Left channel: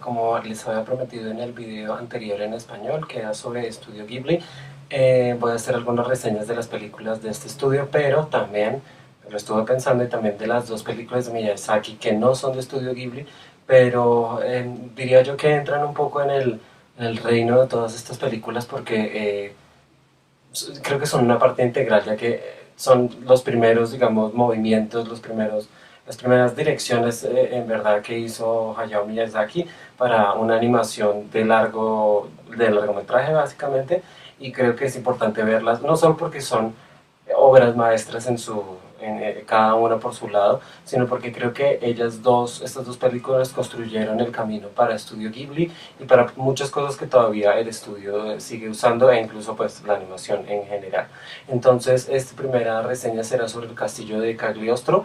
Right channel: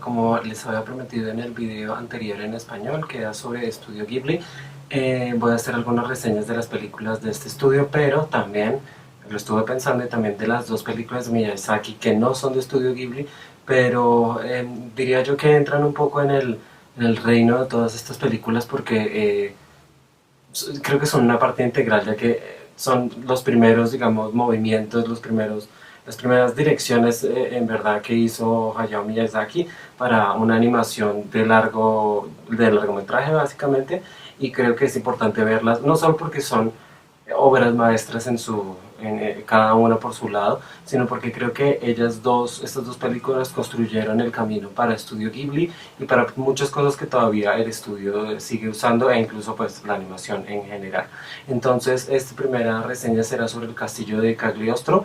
Como les había prometido en el video anterior en español, que era sobre Estudio Ghibli, voy a hacer algunas reseñas de las películas de este estudio, pero también lo estuve pensando y también de las dos películas de Miyazaki que no son de Estudio Ghibli, pero diría yo que entran un poco en el reino de todas estas películas porque creo que son una parte integral, ya que son los primeros, digamos, movimientos, las primeras direcciones en verdad que hizo Hayao Miyazaki para una animación de largometraje básicamente, y creo que es importante verlas, no solo porque son obras maestras cada una por su lado, sino porque creo que estas dos películas construyeron el camino para Estudio Ghibli y para muchas cosas que todavía el estudio sigue usando e incluso pues la animación en general. Entonces, esta primera reseña será sobre el castillo de Cagliostro,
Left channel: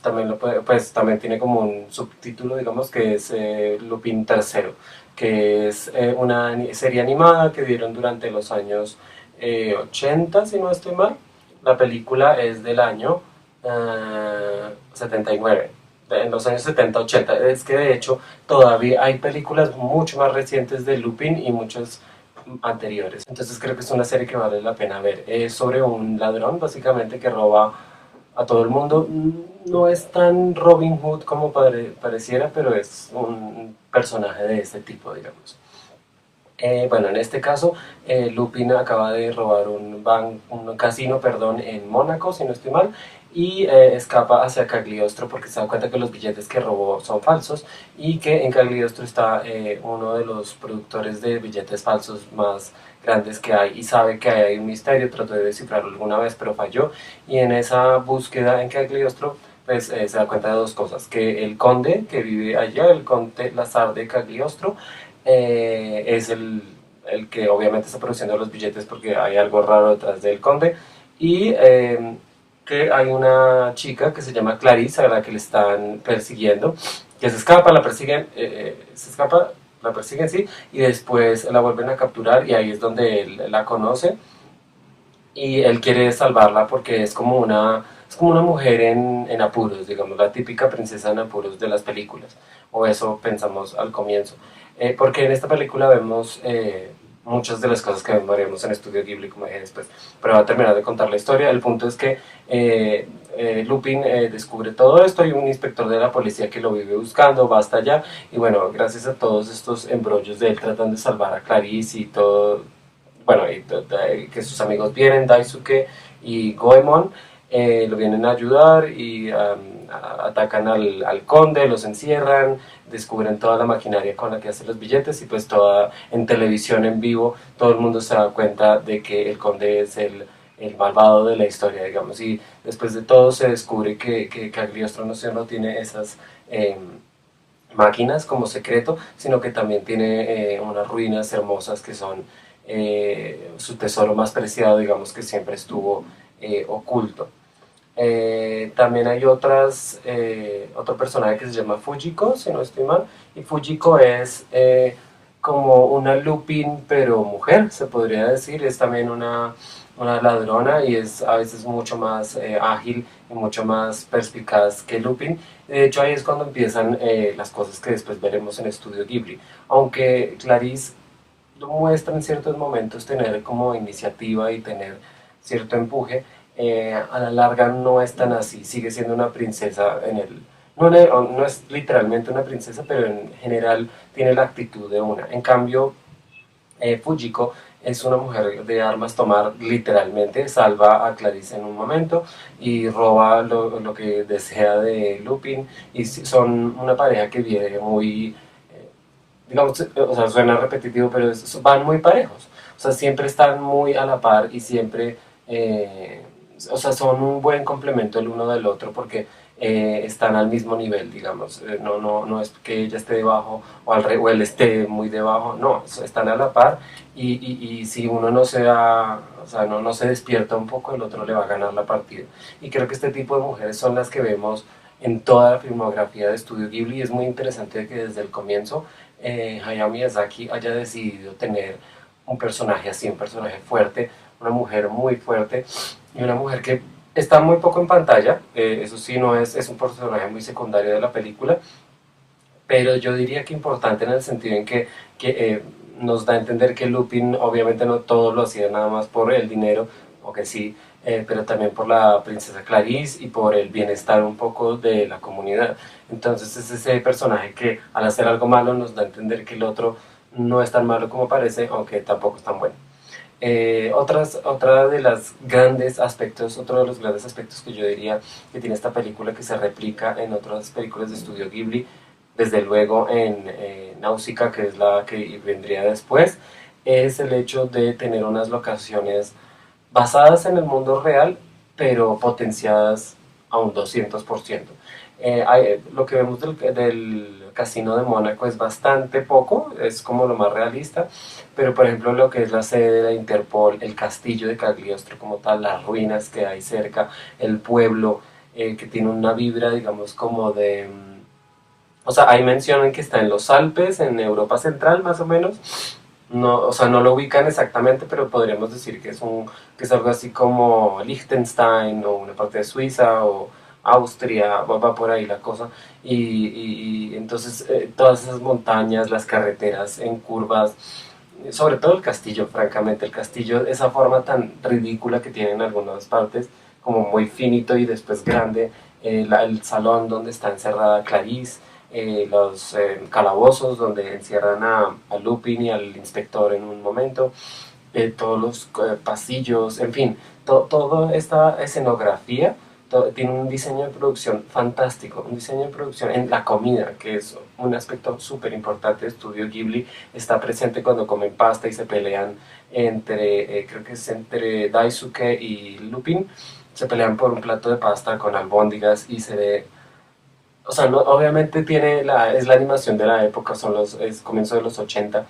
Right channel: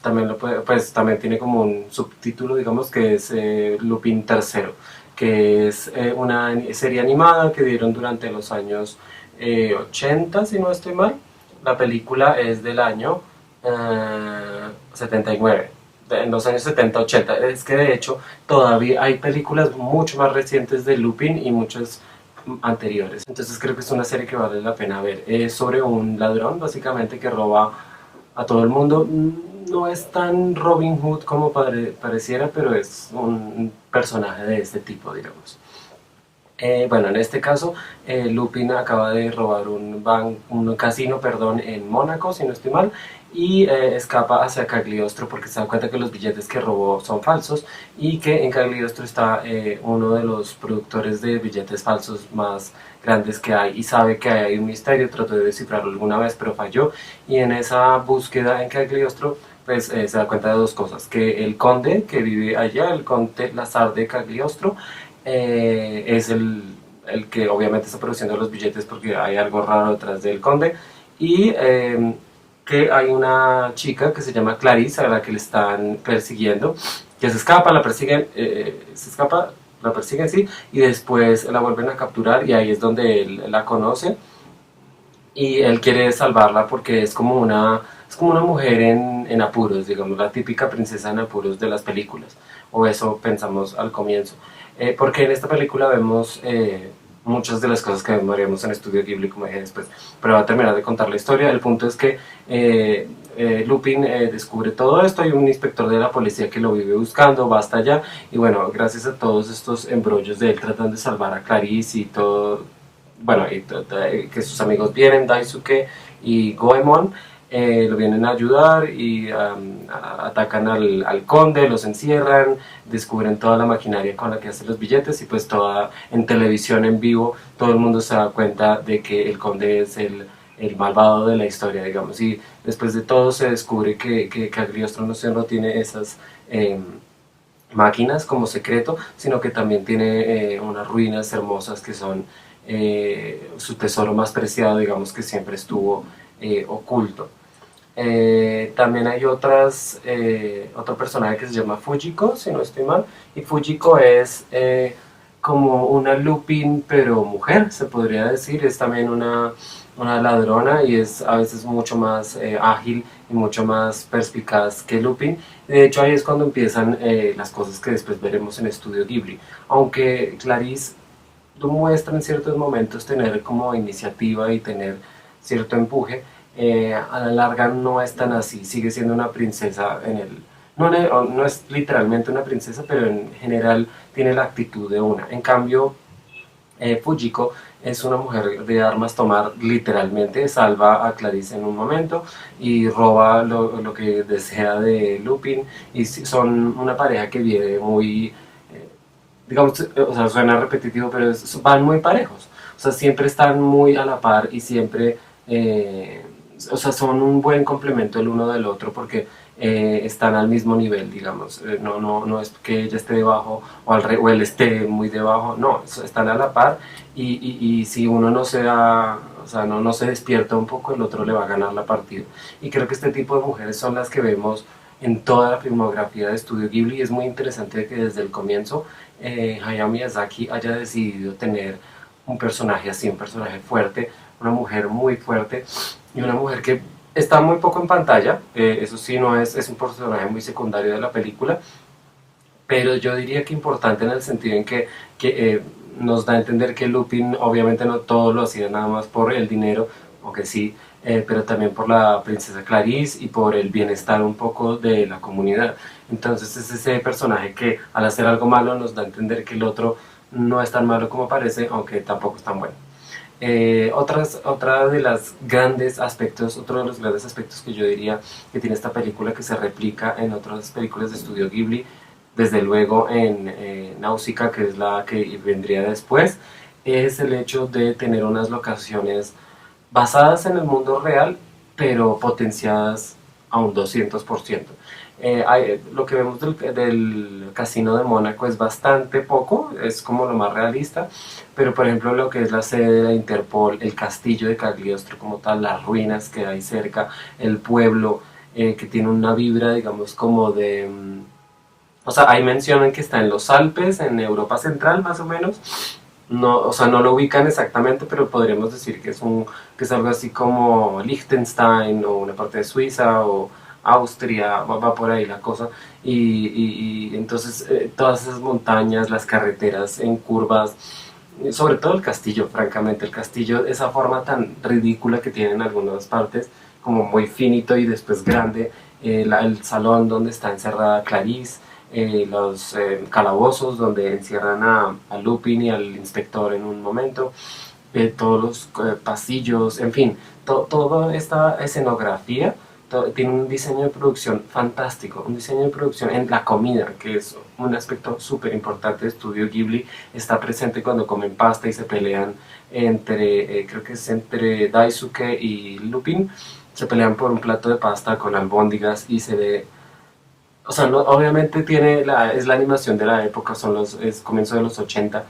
también pues también tiene como un subtítulo, digamos, que es Lupin III, que es una serie animada que dieron durante los años 80, si no estoy mal. La película es del año 79, en los años 70-80. Es que de hecho todavía hay películas mucho más recientes de Lupin y muchas anteriores. Entonces creo que es una serie que vale la pena ver. Es sobre un ladrón básicamente que roba a todo el mundo. No es tan Robin Hood como pareciera, pero es un personaje de este tipo, digamos. Bueno, en este caso, Lupin acaba de robar un casino, perdón, en Mónaco, si no estoy mal, y escapa hacia Cagliostro porque se da cuenta que los billetes que robó son falsos y que en Cagliostro está uno de los productores de billetes falsos más grandes que hay y sabe que hay un misterio. Trató de descifrarlo alguna vez, pero falló, y en esa búsqueda en Cagliostro pues se da cuenta de dos cosas: que el conde que vive allá, el conde Lazar de Cagliostro, es el que obviamente está produciendo los billetes porque hay algo raro detrás del conde, y que hay una chica que se llama Clarice a la que le están persiguiendo, que se escapa, la persiguen, sí, y después la vuelven a capturar y ahí es donde él la conoce y él quiere salvarla porque es como una mujer en apuros, digamos, la típica princesa en apuros de las películas, o eso pensamos al comienzo. Porque en esta película vemos muchas de las cosas que veríamos en Estudio Ghibli, como dije después, pero va a terminar de contar la historia. El punto es que Lupin descubre todo esto, hay un inspector de la policía que lo vive buscando, va hasta allá, y bueno, gracias a todos estos embrollos de él tratando de salvar a Clarice y todo, bueno, que sus amigos vienen, Daisuke y Goemon, lo vienen a ayudar y atacan al conde, los encierran, descubren toda la maquinaria con la que hacen los billetes, y pues en televisión en vivo todo el mundo se da cuenta de que el conde es el malvado de la historia, digamos, y después de todo se descubre que Cagliostro no solo tiene esas máquinas como secreto, sino que también tiene unas ruinas hermosas que son su tesoro más preciado, digamos, que siempre estuvo oculto. También hay otro personaje que se llama Fujiko, si no estoy mal, y Fujiko es como una Lupin, pero mujer, se podría decir. Es también una ladrona y es a veces mucho más ágil y mucho más perspicaz que Lupin. De hecho, ahí es cuando empiezan las cosas que después veremos en Estudio Ghibli. Aunque Clarice lo muestra en ciertos momentos tener como iniciativa y tener cierto empuje, a la larga no es tan así, sigue siendo una princesa no es literalmente una princesa, pero en general tiene la actitud de una. En cambio, Fujiko es una mujer de armas tomar, literalmente salva a Clarice en un momento y roba lo que desea de Lupin, y son una pareja que vive muy, digamos, o sea, suena repetitivo, pero van muy parejos. O sea, siempre están muy a la par y siempre, o sea, son un buen complemento el uno del otro porque están al mismo nivel, digamos. No es que ella esté debajo o él esté muy debajo, no, están a la par, y si uno no se da, o sea, no se despierta un poco, el otro le va a ganar la partida. Y creo que este tipo de mujeres son las que vemos en toda la filmografía de Estudio Ghibli, y es muy interesante que desde el comienzo Hayao Miyazaki haya decidido tener un personaje así, un personaje fuerte, una mujer muy fuerte, y una mujer que está muy poco en pantalla. Eso sí, no es un personaje muy secundario de la película, pero yo diría que importante en el sentido en que nos da a entender que Lupin obviamente no todo lo hacía nada más por el dinero, aunque sí, pero también por la princesa Clarice y por el bienestar un poco de la comunidad. Entonces es ese personaje que al hacer algo malo nos da a entender que el otro no es tan malo como parece, aunque tampoco es tan bueno. Otra de los grandes aspectos, otro de los grandes aspectos que yo diría que tiene esta película que se replica en otras películas de estudio Ghibli, desde luego en Náusica, que es la que vendría después, es el hecho de tener unas locaciones basadas en el mundo real, pero potenciadas a un 200%. Lo que vemos del casino de Mónaco es bastante poco, es como lo más realista, pero por ejemplo lo que es la sede de la Interpol, el castillo de Cagliostro como tal, las ruinas que hay cerca, el pueblo que tiene una vibra, digamos, como de... O sea, ahí mencionan que está en los Alpes, en Europa Central más o menos. No, o sea, no lo ubican exactamente, pero podríamos decir que es algo así como Liechtenstein o una parte de Suiza o Austria, va por ahí la cosa. Y entonces todas esas montañas, las carreteras en curvas, sobre todo el castillo, francamente, el castillo, esa forma tan ridícula que tiene en algunas partes, como muy finito y después grande, el salón donde está encerrada Clarice, los calabozos donde encierran a Lupin y al inspector en un momento, todos los pasillos, en fin, toda esta escenografía tiene un diseño de producción fantástico, un diseño de producción en la comida, que es un aspecto súper importante de Estudio Ghibli, está presente cuando comen pasta y se pelean creo que es entre Daisuke y Lupin, se pelean por un plato de pasta con albóndigas y se ve, o sea, no, obviamente es la animación de la época, es comienzo de los 80,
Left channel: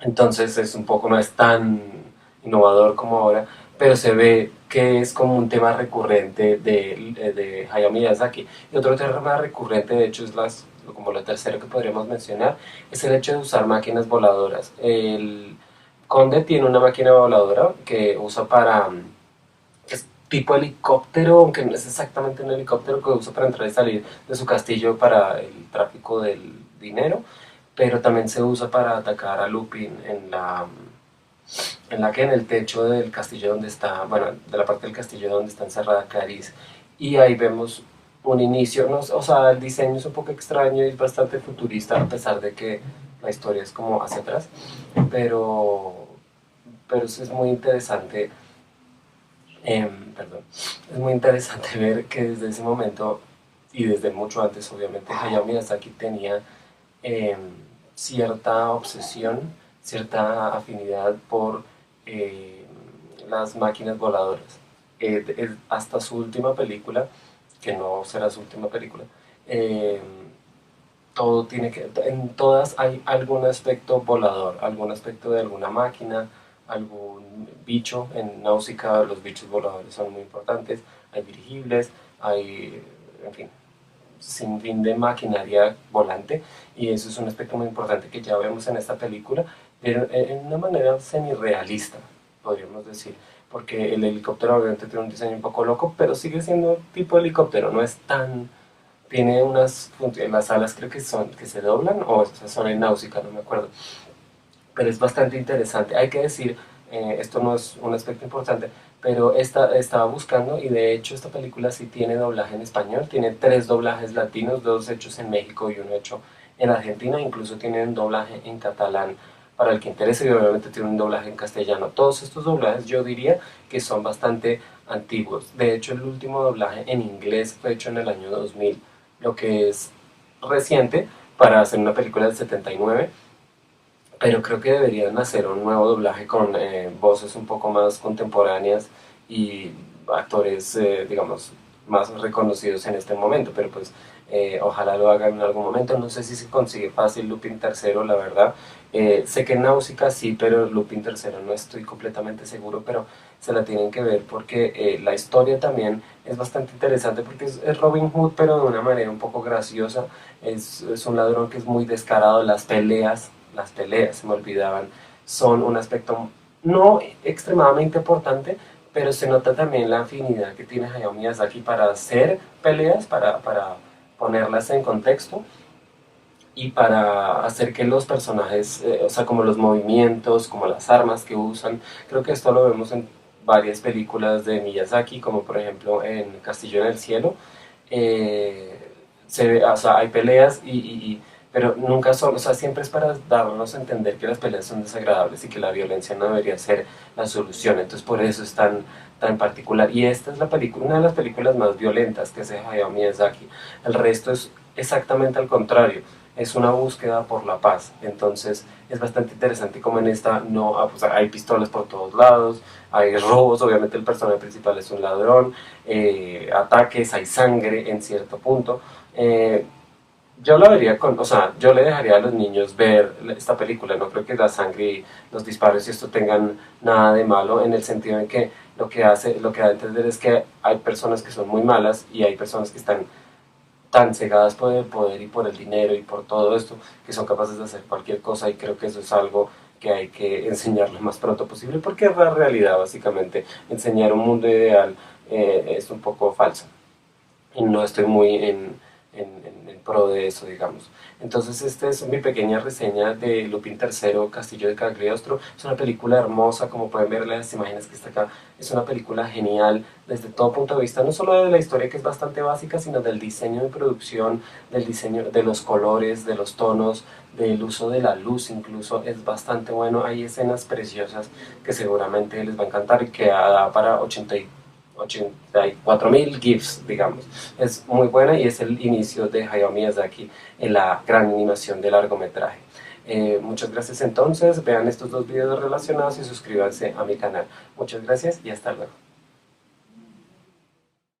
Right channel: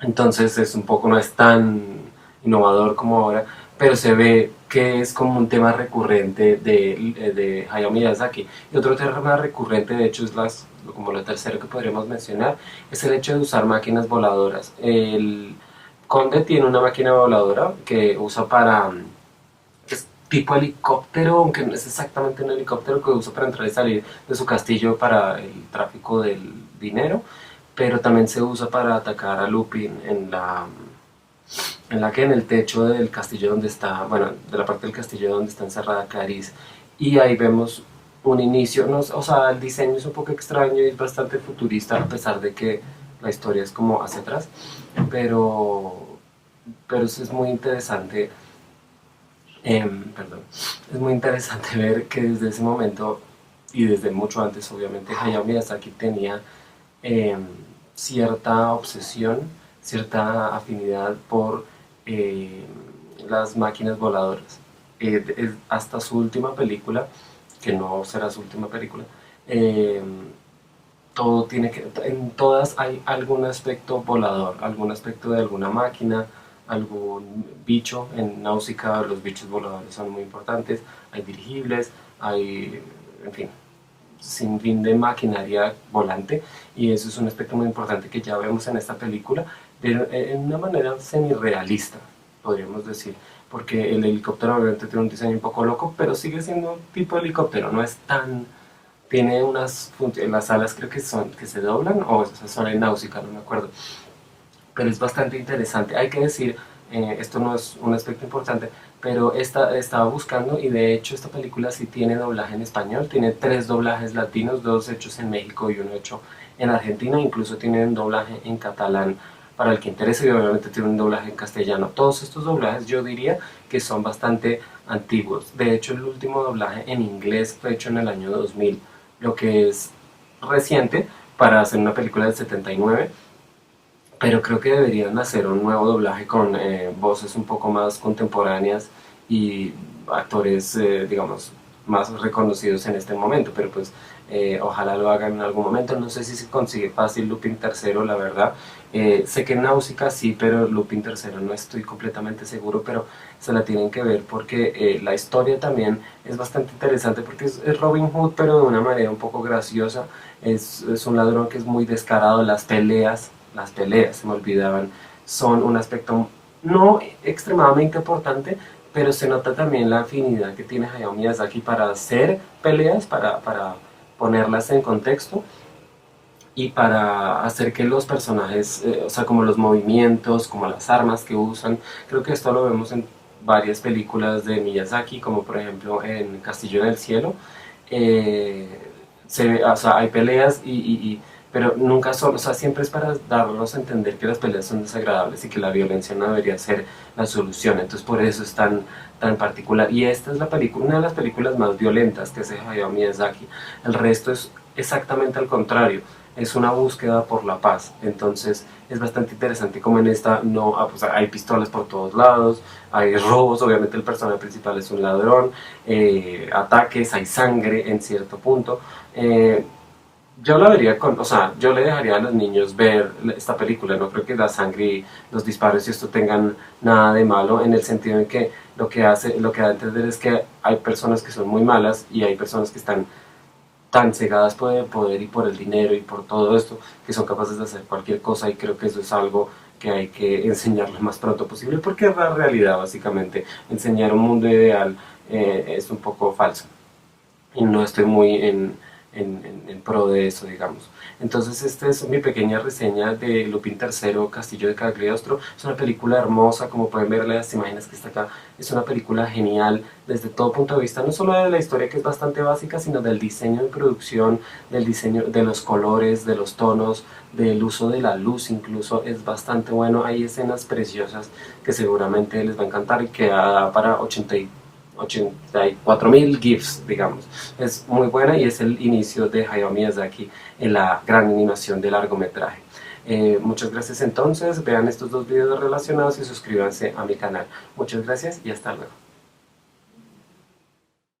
entonces es un poco, no es tan innovador como ahora, pero se ve que es como un tema recurrente de Hayao Miyazaki. Y otro tema recurrente, de hecho, como lo tercero que podríamos mencionar, es el hecho de usar máquinas voladoras. El Conde tiene una máquina voladora que usa para, es tipo helicóptero, aunque no es exactamente un helicóptero que usa para entrar y salir de su castillo para el tráfico del dinero, pero también se usa para atacar a Lupin en el techo del castillo donde está, bueno, de la parte del castillo donde está encerrada Clarice. Y ahí vemos un inicio, no, o sea, el diseño es un poco extraño y es bastante futurista a pesar de que la historia es como hacia atrás, pero, pero es muy interesante, perdón, es muy interesante ver que desde ese momento y desde mucho antes, obviamente, Hayao Miyazaki tenía eh, cierta obsesión, cierta afinidad por eh, las máquinas voladoras. Hasta su última película, que no será su última película, eh, todo tiene que, en todas hay algún aspecto volador, algún aspecto de alguna máquina, algún bicho. En Náusica los bichos voladores son muy importantes, hay dirigibles, hay, en fin, sin fin de maquinaria volante, y eso es un aspecto muy importante que ya vemos en esta película, pero en una manera semi-realista, podríamos decir, porque el helicóptero obviamente tiene un diseño un poco loco, pero sigue siendo tipo helicóptero, no es tan... Tiene las alas creo que se doblan, o sea, son en náusica, no me acuerdo, pero es bastante interesante. Hay que decir, esto no es un aspecto importante, pero estaba buscando y de hecho esta película sí tiene doblaje en español, tiene 3 doblajes latinos, 2 hechos en México y 1 hecho en Argentina, incluso tiene un doblaje en catalán para el que interese y obviamente tiene un doblaje en castellano. Todos estos doblajes yo diría que son bastante antiguos. De hecho el último doblaje en inglés fue hecho en el año 2000, lo que es reciente para hacer una película del 79, pero creo que deberían hacer un nuevo doblaje con voces un poco más contemporáneas y actores, digamos, más reconocidos en este momento, pero pues ojalá lo hagan en algún momento. No sé si se consigue fácil Lupin tercero, la verdad. Sé que Náusica sí, pero Lupin tercero no estoy completamente seguro, pero se la tienen que ver porque la historia también es bastante interesante porque es Robin Hood, pero de una manera un poco graciosa. Es un ladrón que es muy descarado, las peleas, se me olvidaban, son un aspecto no extremadamente importante, pero se nota también la afinidad que tiene Hayao Miyazaki para hacer peleas, para ponerlas en contexto. y para hacer que los personajes, o sea, como los movimientos, como las armas que usan, creo que esto lo vemos en varias películas de Miyazaki, como por ejemplo en Castillo en el Cielo. eh, o sea, hay peleas pero nunca son, o sea, siempre es para darnos a entender que las peleas son desagradables y que la violencia no debería ser la solución. Entonces por eso es tan particular. Y esta es la película, una de las películas más violentas que hace Hayao Miyazaki. El resto es exactamente al contrario, es una búsqueda por la paz. Entonces es bastante interesante como en esta no, pues hay pistolas por todos lados, hay robos, obviamente el personaje principal es un ladrón, ataques, hay sangre en cierto punto. Yo lo vería con, o sea, yo le dejaría a los niños ver esta película, no creo que la sangre y los disparos y esto tengan nada de malo, en el sentido de que lo que da a entender es que hay personas que son muy malas y hay personas que están tan cegadas por el poder y por el dinero y por todo esto, que son capaces de hacer cualquier cosa, y creo que eso es algo que hay que enseñar lo más pronto posible, porque es la realidad básicamente. Enseñar un mundo ideal es un poco falso y no estoy muy en pro de eso, digamos. Entonces, esta es mi pequeña reseña de Lupin III, Castillo de Cagliostro. Es una película hermosa, como pueden ver las imágenes que está acá. Es una película genial desde todo punto de vista, no solo de la historia, que es bastante básica, sino del diseño de producción, del diseño de los colores, de los tonos, del uso de la luz incluso. Es bastante bueno. Hay escenas preciosas que seguramente les va a encantar y que da para 84.000 GIFs, digamos. Es muy buena y es el inicio de Hayao Miyazaki en la gran animación de largometraje. Muchas gracias entonces, vean estos dos videos relacionados y suscríbanse a mi canal. Muchas gracias y hasta luego.